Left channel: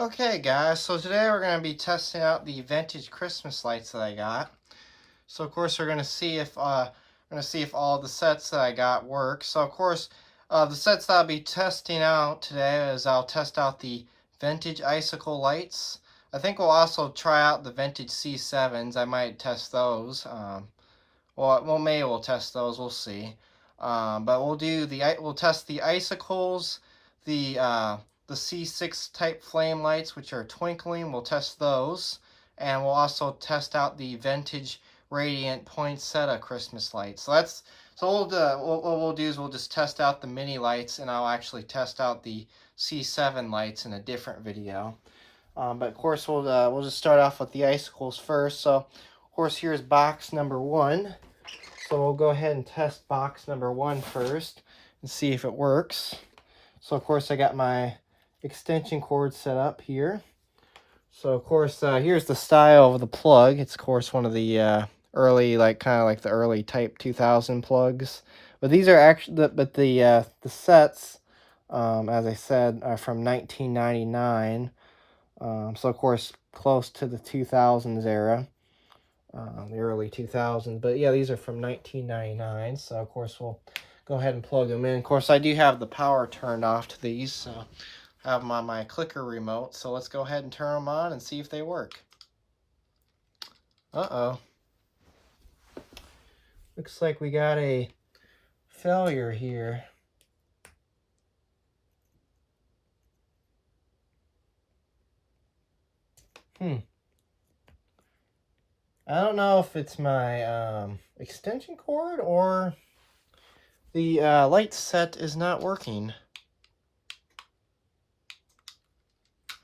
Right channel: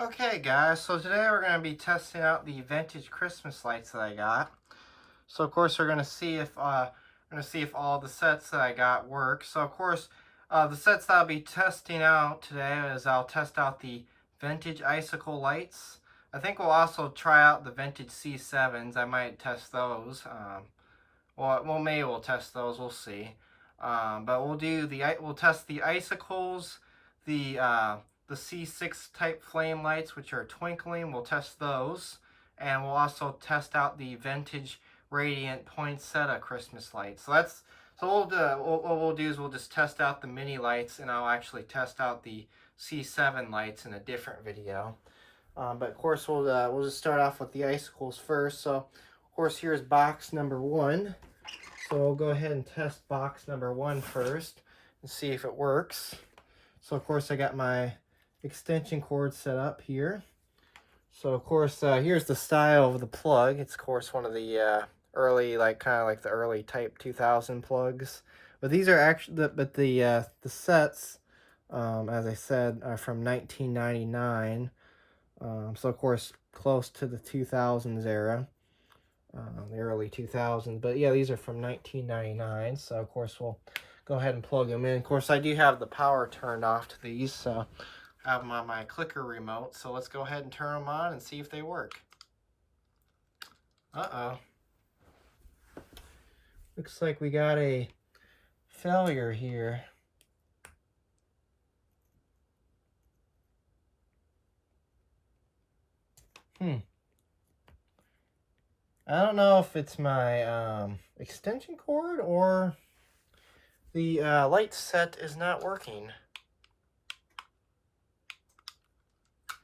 Okay guys, so today we're going to be testing out the vintage Christmas lights that I got. So of course we're going to see if all the sets that I got work. So of course the sets that I'll be testing out today is I'll test out the vintage icicle lights. I think we'll also try out the vintage C7s. I might test those. Well, maybe we'll test those. We'll see. But we'll test the icicles, the C6 type flame lights, which are twinkling. We'll test those, and we'll also test out the vintage radiant poinsettia Christmas lights. What we'll do is we'll just test out the mini lights, and I'll actually test out the C7 lights in a different video. But of course we'll just start off with the icicles first. So of course here's box number 1. So we'll go ahead and test box number 1 first and see if it works. So of course I got my extension cord set up here. So of course here's the style of the plug. It's of course one of the early, kind of like the early type 2000 plugs. But these are actually the sets, as I said, are from 1999. So of course close to the 2000s era. The early 2000s, but yeah, these are from 1999. So of course we'll go ahead and plug them in. Of course I do have the power turned off to these, so I have them on my clicker remote. So let's go ahead and turn them on and see if they work. Looks like we got a failure here. I don't know if it's my extension cord or the light set is not working.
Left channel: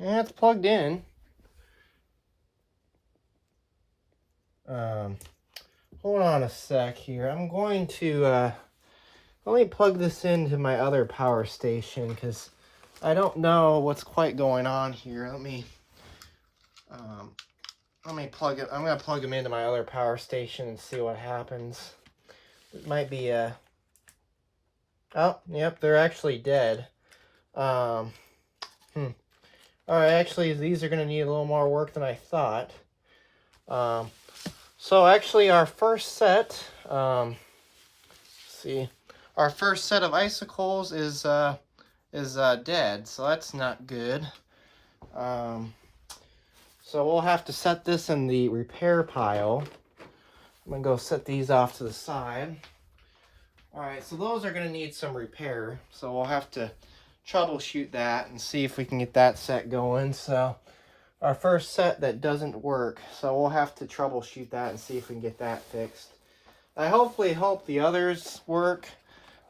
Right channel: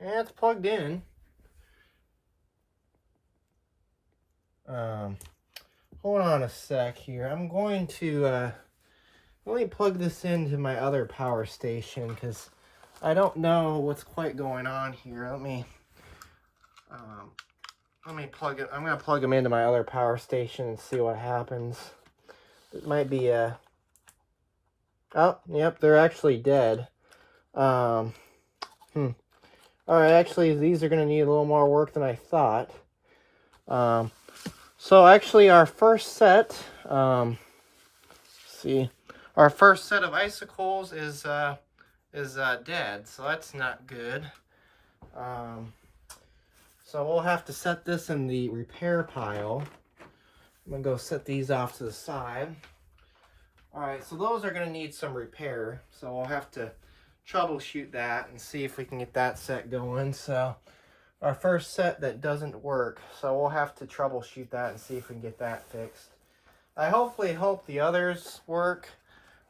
Yeah, it's plugged in. Hold on a sec here. I'm going to let me plug this into my other power station because I don't know what's quite going on here. Let me plug it. I'm gonna plug them into my other power station and see what happens. It might be a. Oh, yep, they're actually dead. All right, actually, these are gonna need a little more work than I thought. So actually, our first set. Let's see, our first set of icicles is dead, so that's not good. So we'll have to set this in the repair pile. I'm gonna go set these off to the side. All right, so those are gonna need some repair, so we'll have to troubleshoot that and see if we can get that set going. So our first set that doesn't work, so we'll have to troubleshoot that and see if we can get that fixed. I hopefully hope the others work,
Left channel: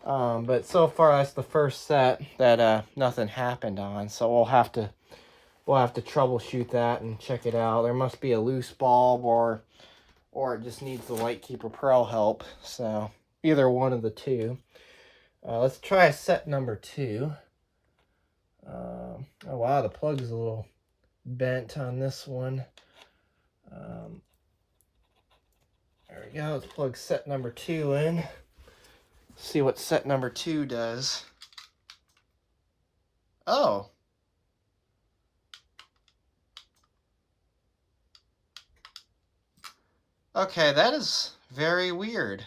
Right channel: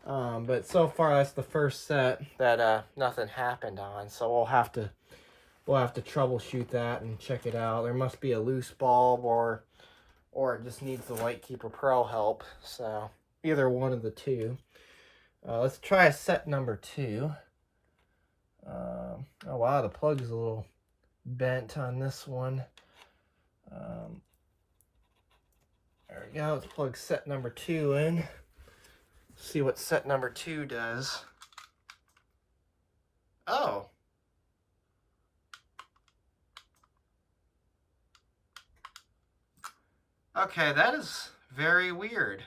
but so far that's the first set that nothing happened on, so we'll have to troubleshoot that and check it out. There must be a loose bulb or it just needs the Lightkeeper Pro help. So either one of the two. Let's try set number 2. Oh wow, the plug's a little bent on this one. There we go. Let's plug set number 2 in. See what set number 2 does. Oh. Okay, that is very weird.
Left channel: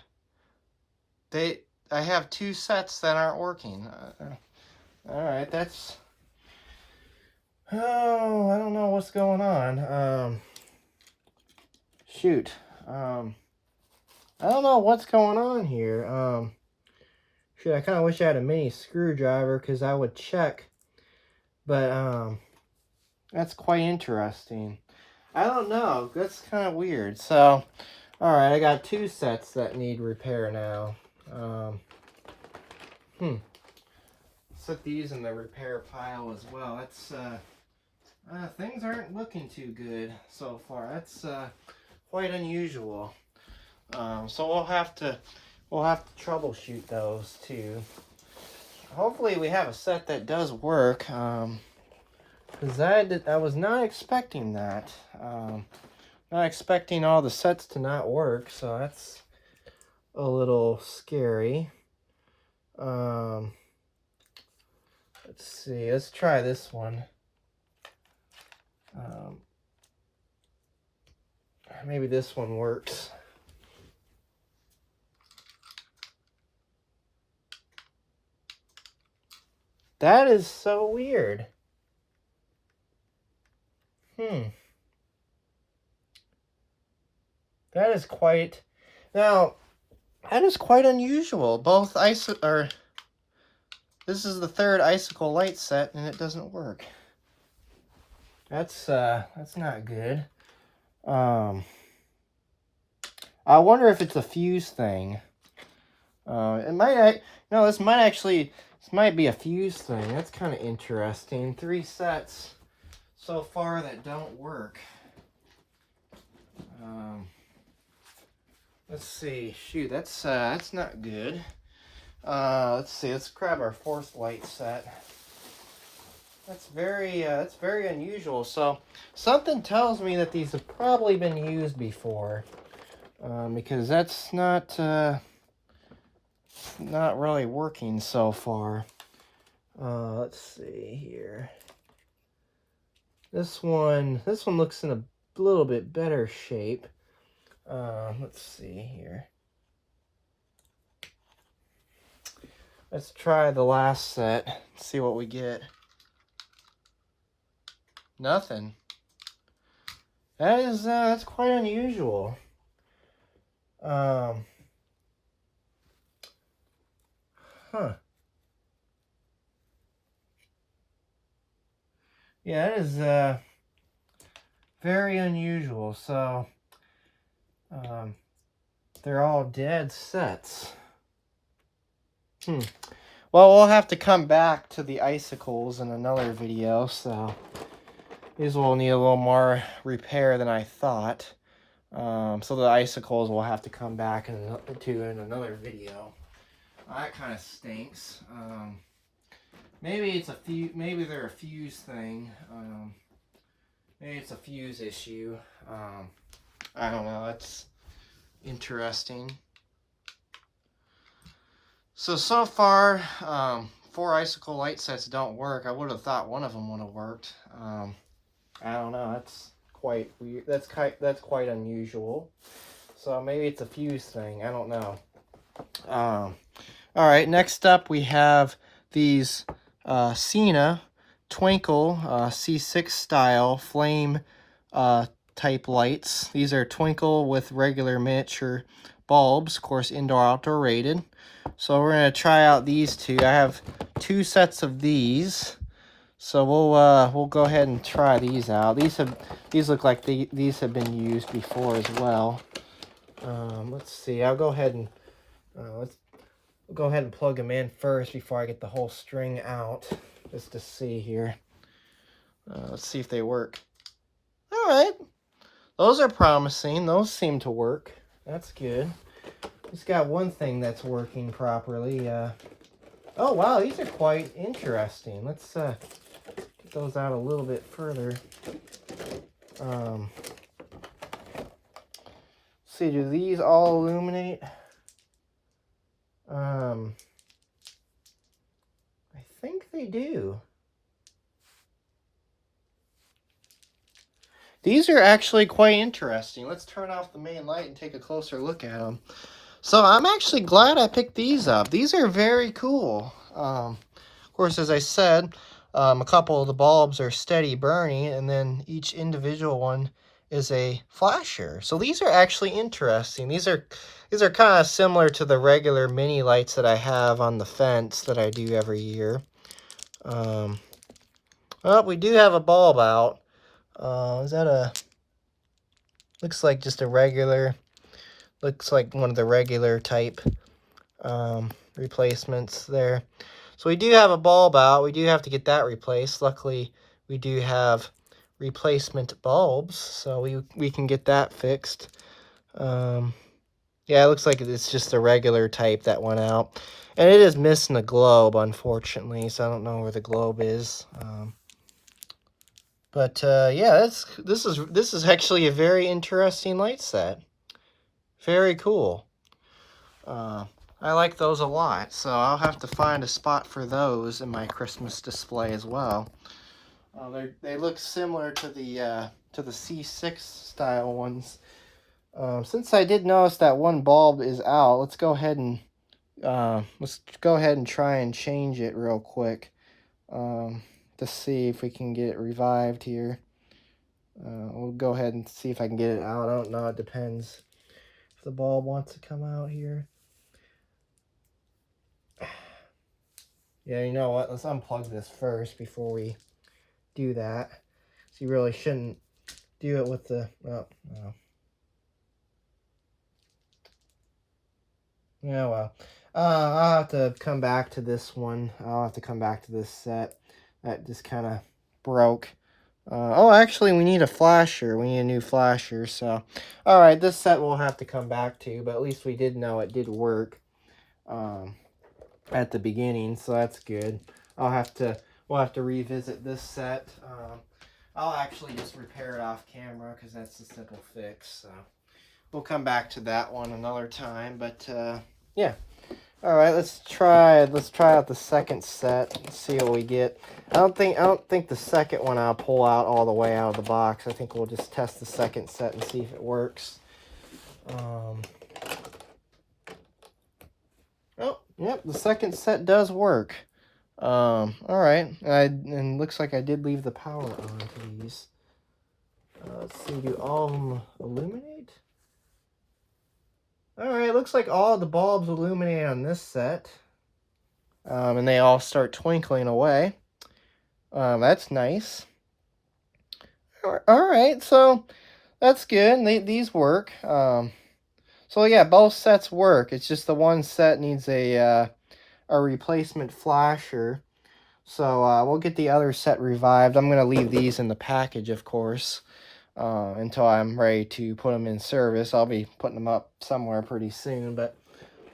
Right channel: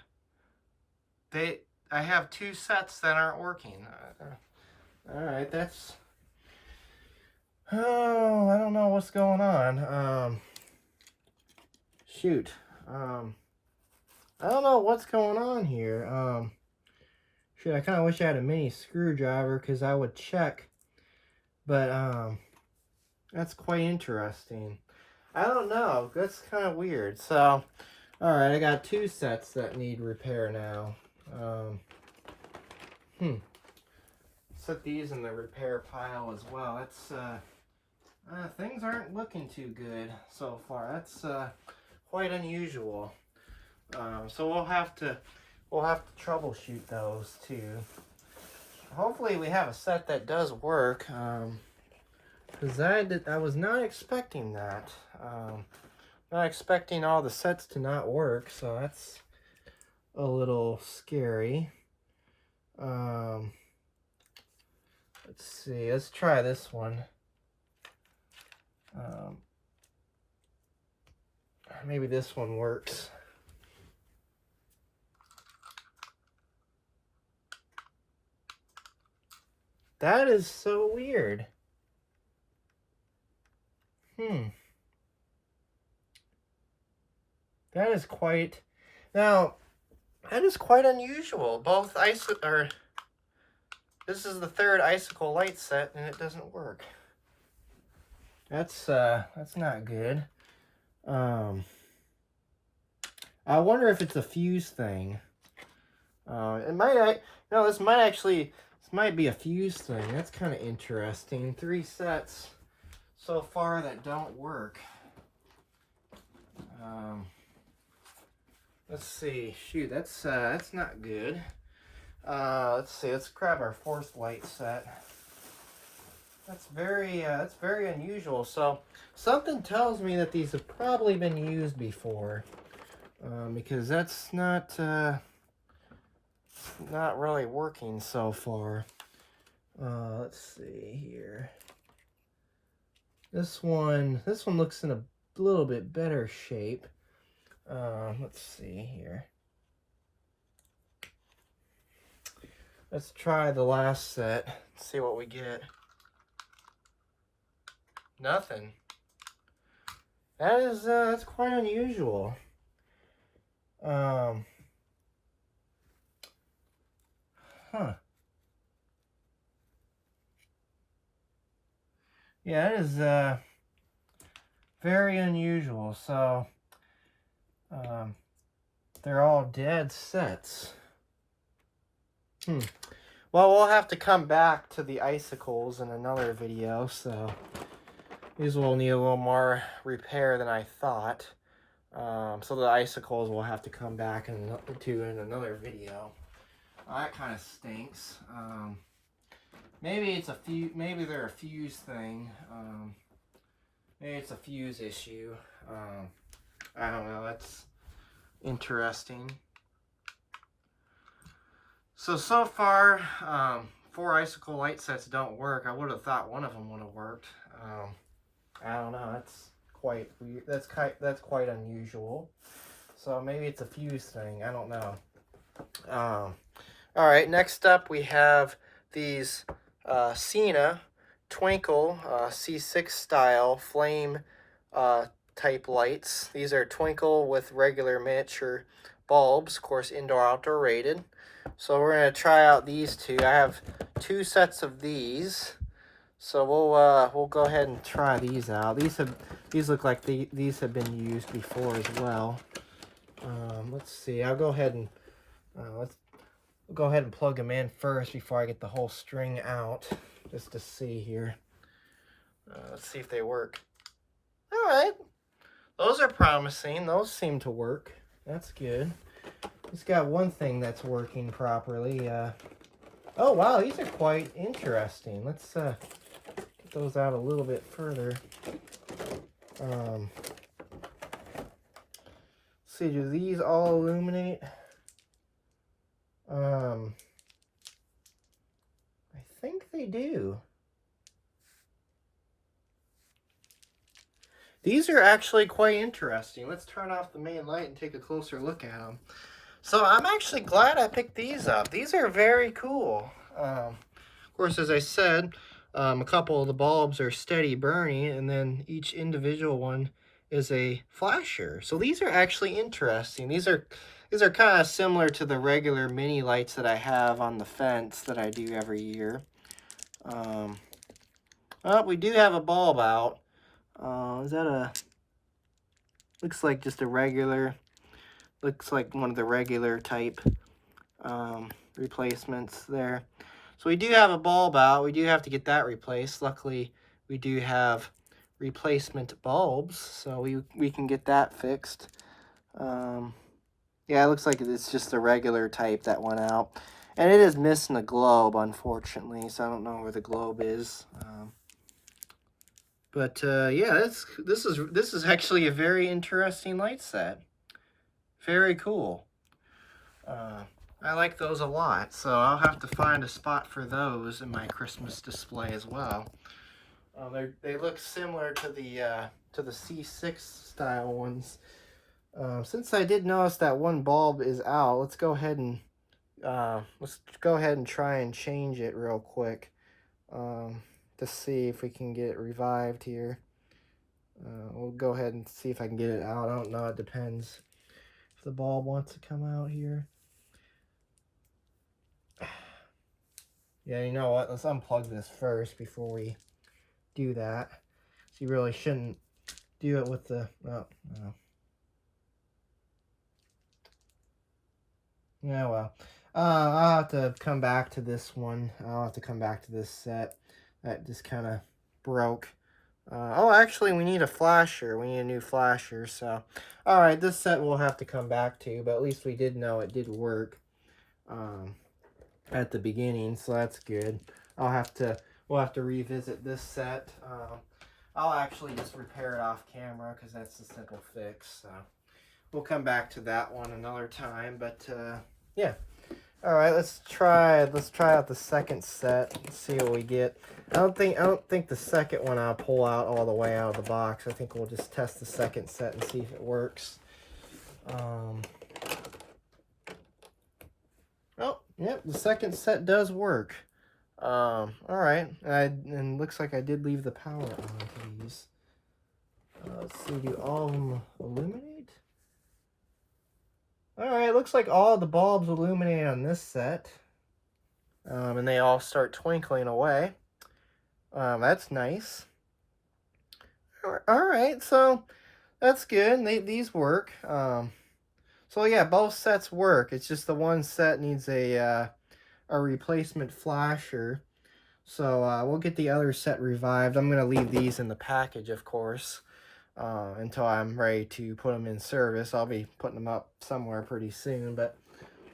I have 2 sets that aren't working. Alright, that's... Oh, I don't know what's going on. Shoot. I don't know what's going on here. Shoot, I kind of wish I had a mini screwdriver because I would check. But, that's quite interesting. I don't know. That's kind of weird. So, alright, I got 2 sets that need repair now. Set these in the repair pile as well. It's, things aren't looking too good so far. That's, quite unusual. So we'll have to troubleshoot those too. Hopefully we have a set that does work. Because I was not expecting that. Not expecting all the sets to not work, so that's a little scary. Let's see, let's try this one. maybe this one works. That is so weird. That is quite, now, that is quite unusual. Both this is the third icicle light set and it doesn't work. That's not good. I wonder if it's a fuse thing. This might be a fuse thing. That's kind of interesting. 3 sets so far that don't work. Let's see. Shoot, that's not good. Let's see. Let's grab our 4th light set. That's very unusual. So something tells me that these have probably been used before, because that's not really working so far. Let's see here. This one looks in a little bit better shape. Let's see here. Let's try the last set. See what we get. Nothing. That's quite unusual. Huh. Yeah, it is very unusual. So they're all dead sets. Well, we'll have to come back to the icicles in another video, so these will need a little more repair than I thought. So the icicles will have to come back in another video. That kind of stinks. Maybe they're a fuse thing. Maybe it's a fuse issue. I don't know. That's interesting. So far, 4 icicle light sets don't work. I would have thought one of them would have worked. I don't know. That's quite weird. That's quite unusual. So maybe it's a fuse thing. I don't know. All right. Next up, we have these Sena Twinkle C6 style flame type lights. These are twinkle with regular miniature bulbs, of course indoor-outdoor rated. So we're going to try out these two. I have 2 sets of these, so we'll go ahead and try these out. These look like these have been used before as well. Let's see. I'll go ahead and plug them in first before I get the whole string out, just to see here. Let's see if they work. All right. Those are promising. Those seem to work. That's good. It's got one thing that's working properly. Oh, wow. These are quite interesting. Let's get those out a little bit further. See, do these all illuminate? I think they do. These are actually quite interesting. Let's turn off the main light and take a closer look at them. So I'm actually glad I picked these up. These are very cool. Of course, as I said, a couple of the bulbs are steady burning, and then each individual one is a flasher. So these are actually interesting. These are kind of similar to the regular mini lights that I have on the fence that I do every year. Well, we do have a bulb out. Is that looks like just a regular, looks like one of the regular type replacements there. So we do have a bulb out. We do have to get that replaced. Luckily, we do have replacement bulbs, so we can get that fixed. Yeah, it looks like it's just a regular type that went out. And it is missing a globe, unfortunately, so I don't know where the globe is. Yeah, this is actually a very interesting light set. Very cool. I like those a lot, so I'll have to find a spot for those in my Christmas display as well. They look similar to the C6 style ones Since I did notice that one bulb is out, let's go ahead and try and change it real quick, to see if we can get it revived here. We'll go ahead and see if I can get it out. I don't know, it depends if the bulb wants to come out here. Yeah, you know what? Let's unplug this first before we do that. So you really shouldn't do it with the... Oh, no. Yeah, well. I'll have to come back to this one. I'll have to come back to this set. That just kind of broke. Oh, actually, we need a flasher. We need a new flasher, so... Alright, this set we'll have to come back to, but at least we did know it did work at the beginning, so that's good. We'll have to revisit this set. I'll actually just repair it off camera, because that's a simple fix, so... We'll come back to that one another time, but, yeah. Alright, let's try out the second set. Let's see what we get. I don't think the second one I'll pull out all the way out of the box. I think we'll just test the second set and see if it works. Oh, yep, the second set does work. Alright. And looks like I did leave the power on to these. Let's see, do all of them illuminate? Alright, looks like all the bulbs illuminate on this set. And they all start twinkling away. That's nice. Alright, so that's good. These work. So yeah, both sets work. It's just the one set needs a replacement flasher. So we'll get the other set revived. I'm going to leave these in the package, of course. Until I'm ready to put them in service. I'll be putting them up somewhere pretty soon, but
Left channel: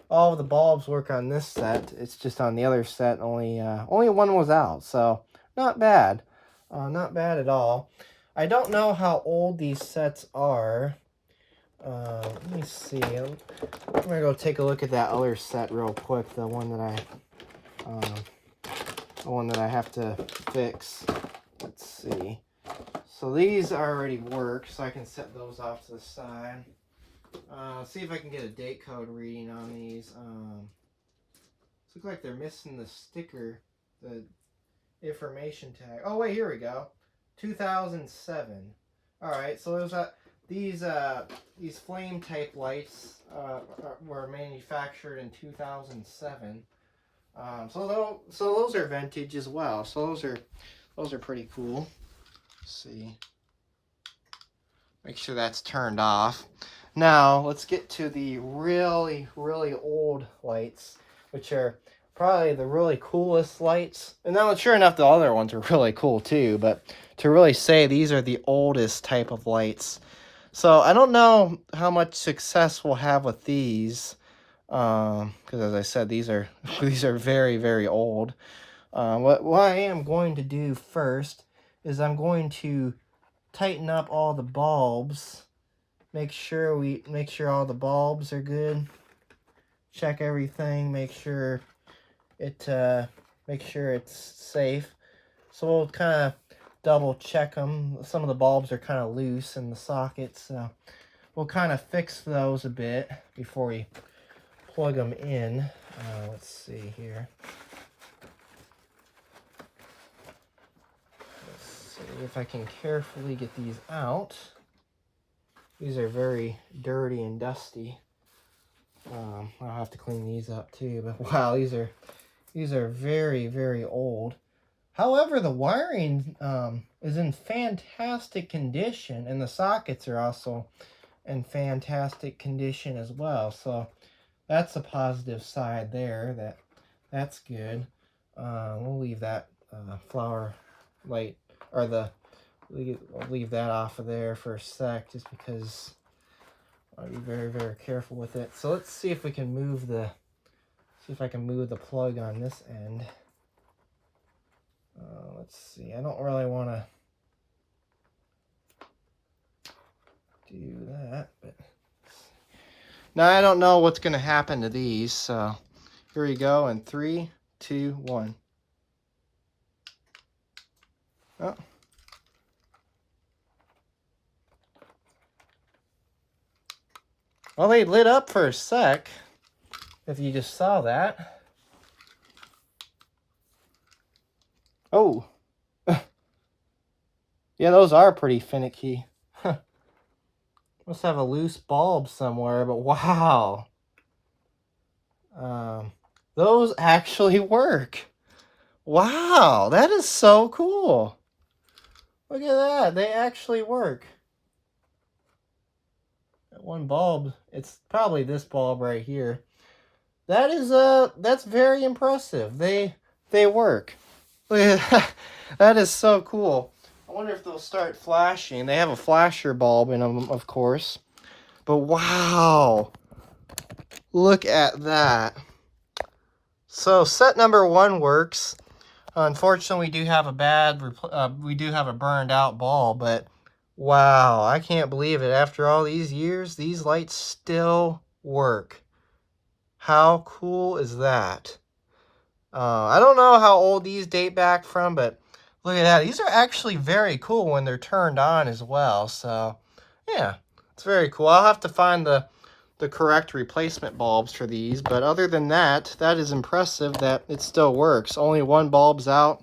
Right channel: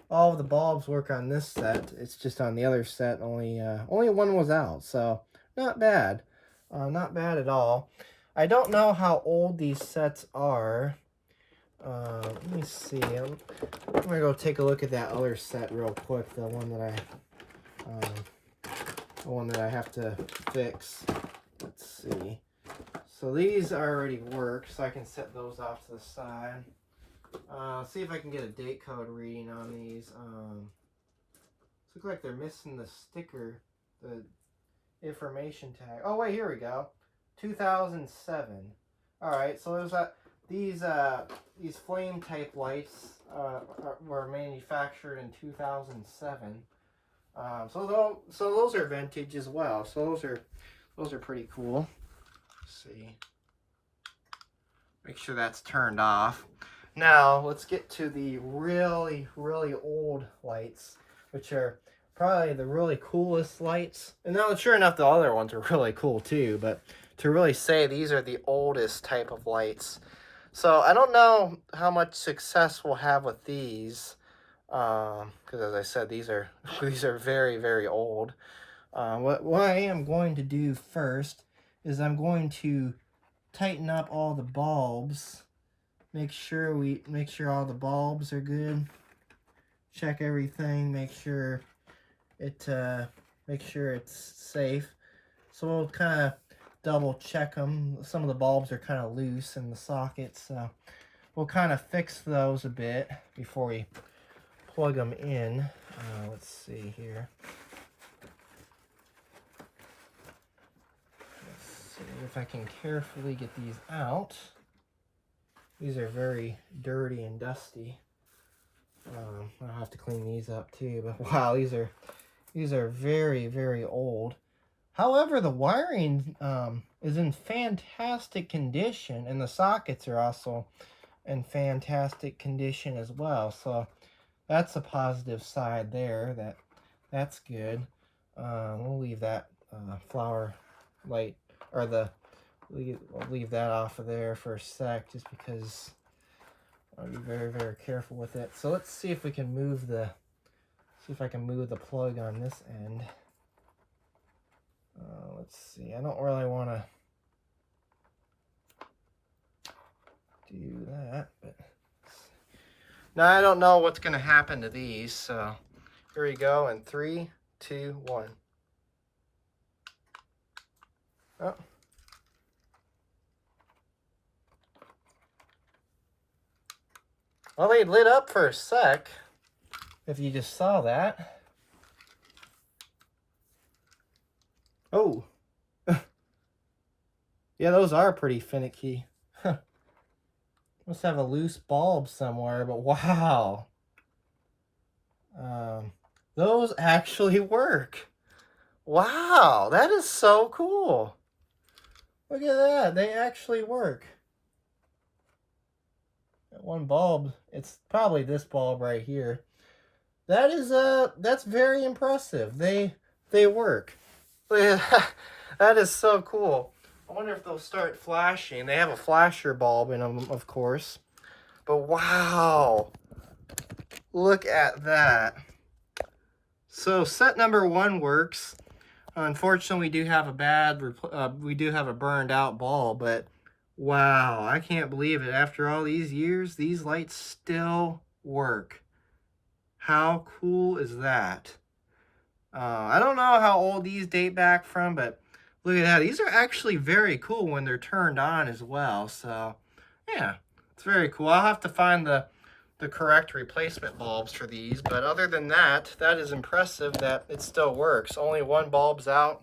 all of the bulbs work on this set. It's just on the other set, only one was out, so not bad. Not bad at all. I don't know how old these sets are. Let me see. I'm gonna go take a look at that other set real quick, the one that I have to fix. Let's see. So these already work, so I can set those off to the side. See if I can get a date code reading on these. Looks like they're missing the sticker, the information tag. Oh wait, here we go. 2007. All right, so there's these flame type lights were manufactured in 2007. So those are vintage as well. So those are pretty cool. See, make sure that's turned off. Now let's get to the really old lights, which are probably the really coolest lights. And now sure enough, the other ones are really cool too, but to really say these are the oldest type of lights. So I don't know how much success we'll have with these, because as I said, these are very old. What I am going to do first is I'm going to tighten up all the bulbs. Make sure all the bulbs are good. Check everything. Make sure it's safe. So we'll kind of double check them. Some of the bulbs are kind of loose in the sockets, so we'll kind of fix those a bit before we plug them in. Let's see here. See if I can carefully get these out. These are very dirty and dusty. I'll have to clean these up too, but wow, these are very old. However, the wiring is in fantastic condition, and the sockets are also in fantastic condition as well. So that's a positive side there. That's good. We'll leave that flower light, or I'll leave that off of there for a sec, just because I'll be very careful with it. So let's see if we can move see if I can move the plug on this end. Let's see. I don't really want to do that, but now I don't know what's going to happen to these. So here we go in 3, 2, 1. Oh. Well, they lit up for a sec. If you just saw that. Oh. Yeah, those are pretty finicky. Must have a loose bulb somewhere, but wow. Those actually work. Wow, that is so cool. Look at that, they actually work. That one bulb, it's probably this bulb right here. That is that's very impressive. They work. Look at that. That is so cool. I wonder if they'll start flashing. They have a flasher bulb in them, of course. But wow. Look at that. So set number 1 works. Unfortunately, we do have a burned out bulb, but wow, I can't believe it. After all these years, these lights still work. How cool is that? I don't know how old these date back from, but look at that. These are actually very cool when they're turned on as well. So, yeah, it's very cool. I'll have to find the correct replacement bulbs for these, but other than that, that is impressive that it still works. Only one bulb's out,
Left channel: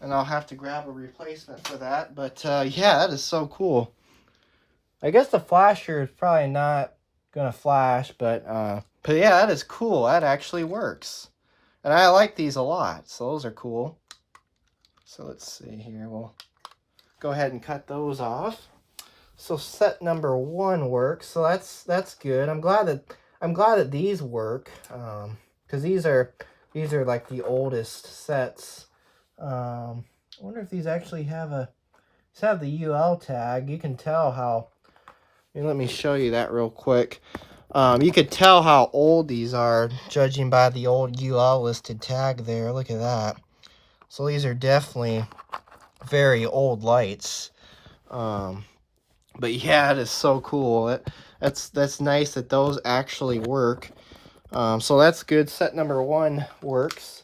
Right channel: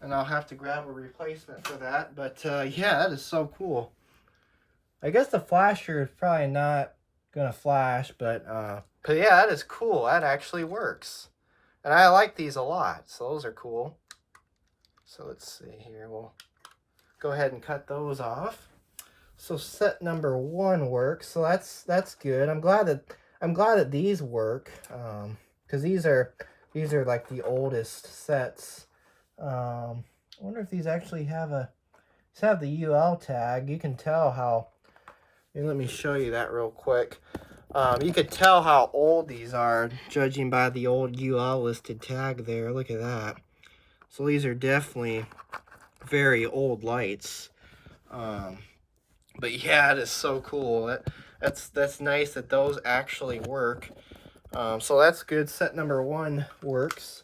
and I'll have to grab a replacement for that. But yeah, that is so cool. I guess the flasher is probably not gonna flash, but yeah, that is cool. That actually works. And I like these a lot, so those are cool. So let's see here. We'll go ahead and cut those off. So set number 1 works. So that's good. I'm glad that these work. Because these are like the oldest sets. I wonder if these actually have the UL tag. You can tell how. Let me show you that real quick. You could tell how old these are, judging by the old UL listed tag there. Look at that. So these are definitely very old lights. But yeah, it is so cool. That's nice that those actually work. So that's good. Set number 1 works.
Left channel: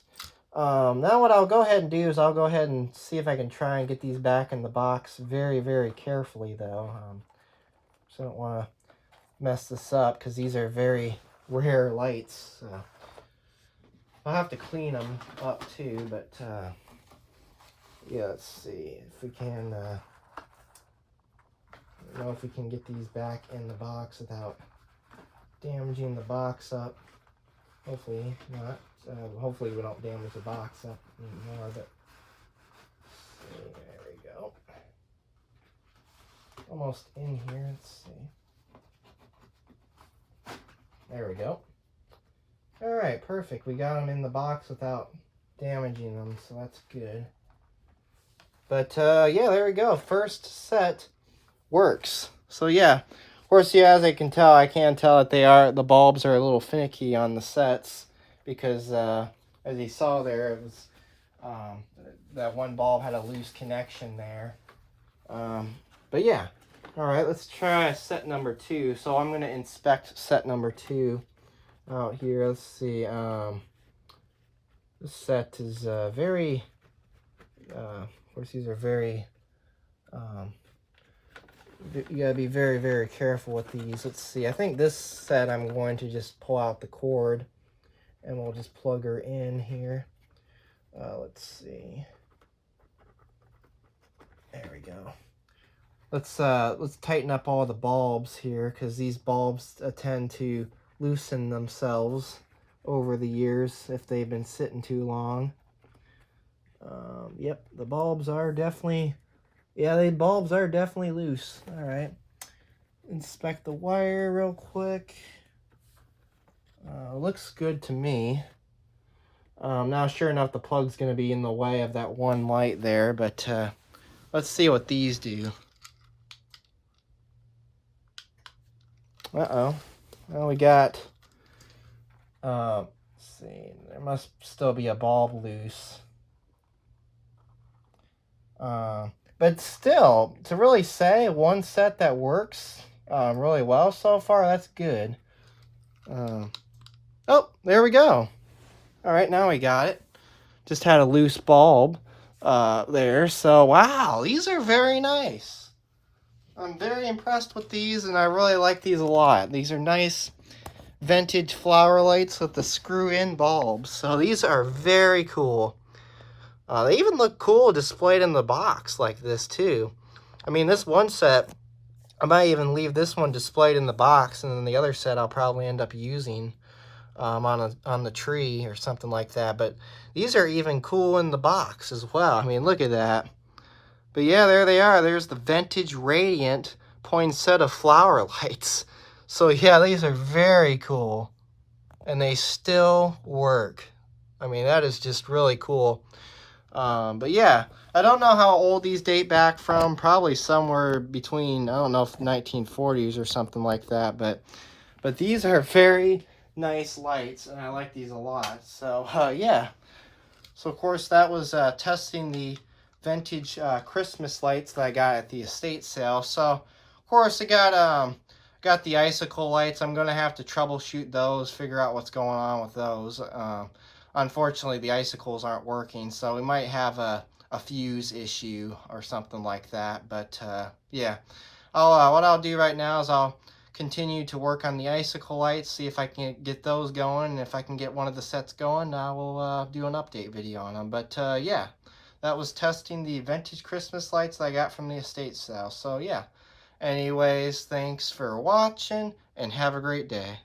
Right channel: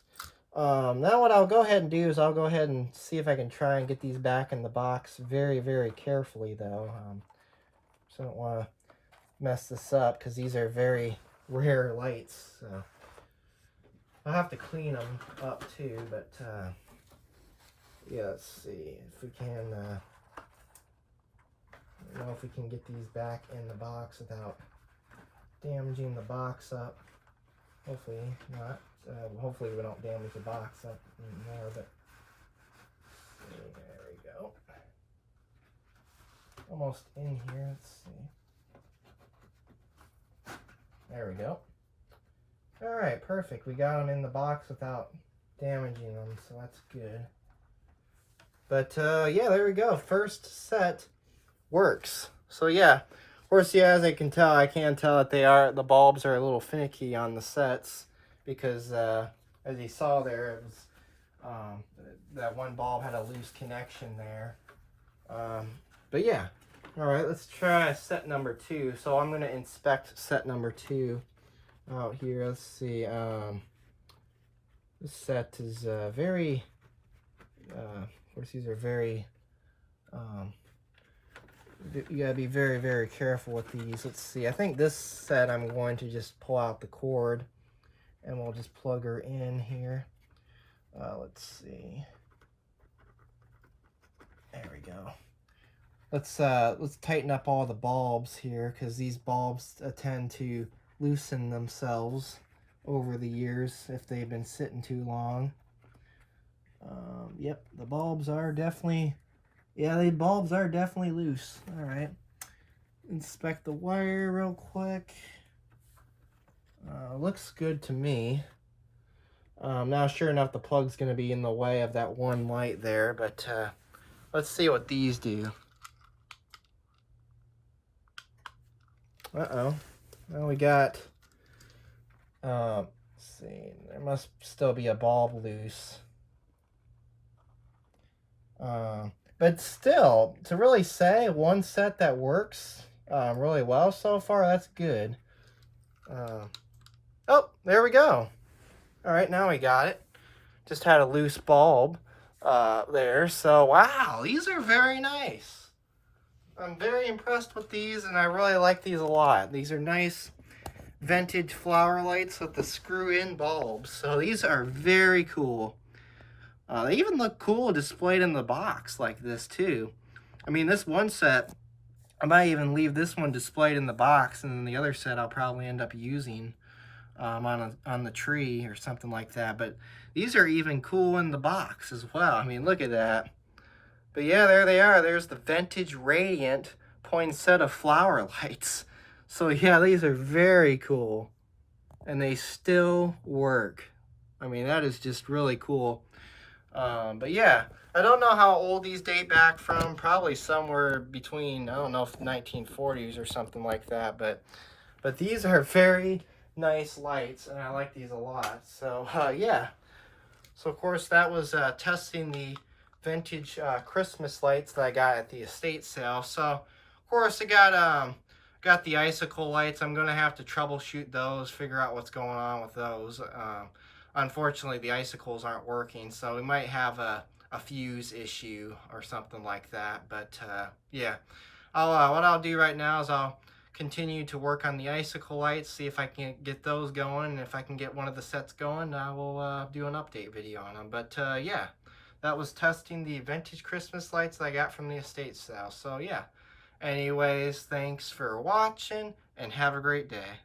Now what I'll go ahead and do is I'll go ahead and see if I can try and get these back in the box very, very carefully, though. So I don't want to mess this up because these are very rare lights. So I'll have to clean them up too, but yeah, let's see if we can if we can get these back in the box without damaging the box up. Hopefully not. Hopefully we don't damage the box up anymore, but there we go. Almost in here, let's see. There we go. All right, perfect. We got them in the box without damaging them, so that's good. But yeah, there we go. First set works. So yeah, of course, yeah, as I can tell, I can tell that the bulbs are a little finicky on the sets because as you saw there, it was that one bulb had a loose connection there. But yeah, all right, let's try set number 2. So I'm going to inspect set number 2 out here. Let's see. This set is very, of course, these are very, you gotta be very, very careful with these. Let's see. I think this set I'm going to just pull out the cord and we'll just plug her in here. Let's see. There we go. Let's tighten up all the bulbs here because these bulbs tend to loosen themselves over the years if they've been sitting too long. Yep, the bulbs are definitely, yeah, the bulbs are definitely loose. All right, inspect the wire real quick. Looks good to me. Now, sure enough, the plug's going to be in the way of that one light there, but let's see what these do. Uh-oh. Well, we got, let's see, there must still be a bulb loose. But still, to really say one set that works really well so far, that's good. Oh, there we go. All right, now we got it. Just had a loose bulb there. So, wow, these are very nice. I'm very impressed with these, and I really like these a lot. These are nice vintage flower lights with the screw-in bulbs. So these are very cool. They even look cool displayed in the box like this too. I mean, this one set, I might even leave this one displayed in the box, and then the other set I'll probably end up using on the tree or something like that. But these are even cool in the box as well. I mean, look at that. But yeah, there they are. There's the vintage radiant poinsettia flower lights. So yeah, these are very cool, and they still work. I mean, that is just really cool. But yeah, I don't know how old these date back from. Probably somewhere between, I don't know, if 1940s or something like that. But these are very nice lights, and I like these a lot. So yeah. So of course that was testing the vintage Christmas lights that I got at the estate sale. So of course I got the icicle lights. I'm gonna have to troubleshoot those, figure out what's going on with those. Unfortunately, the icicles aren't working, so we might have a fuse issue or something like that. But yeah, what I'll do right now is I'll continue to work on the icicle lights, see if I can get those going, and if I can get one of the sets going, I will do an update video on them. But yeah, that was testing the vintage Christmas lights that I got from the estate sale. So yeah, anyways, thanks for watching, and have a great day.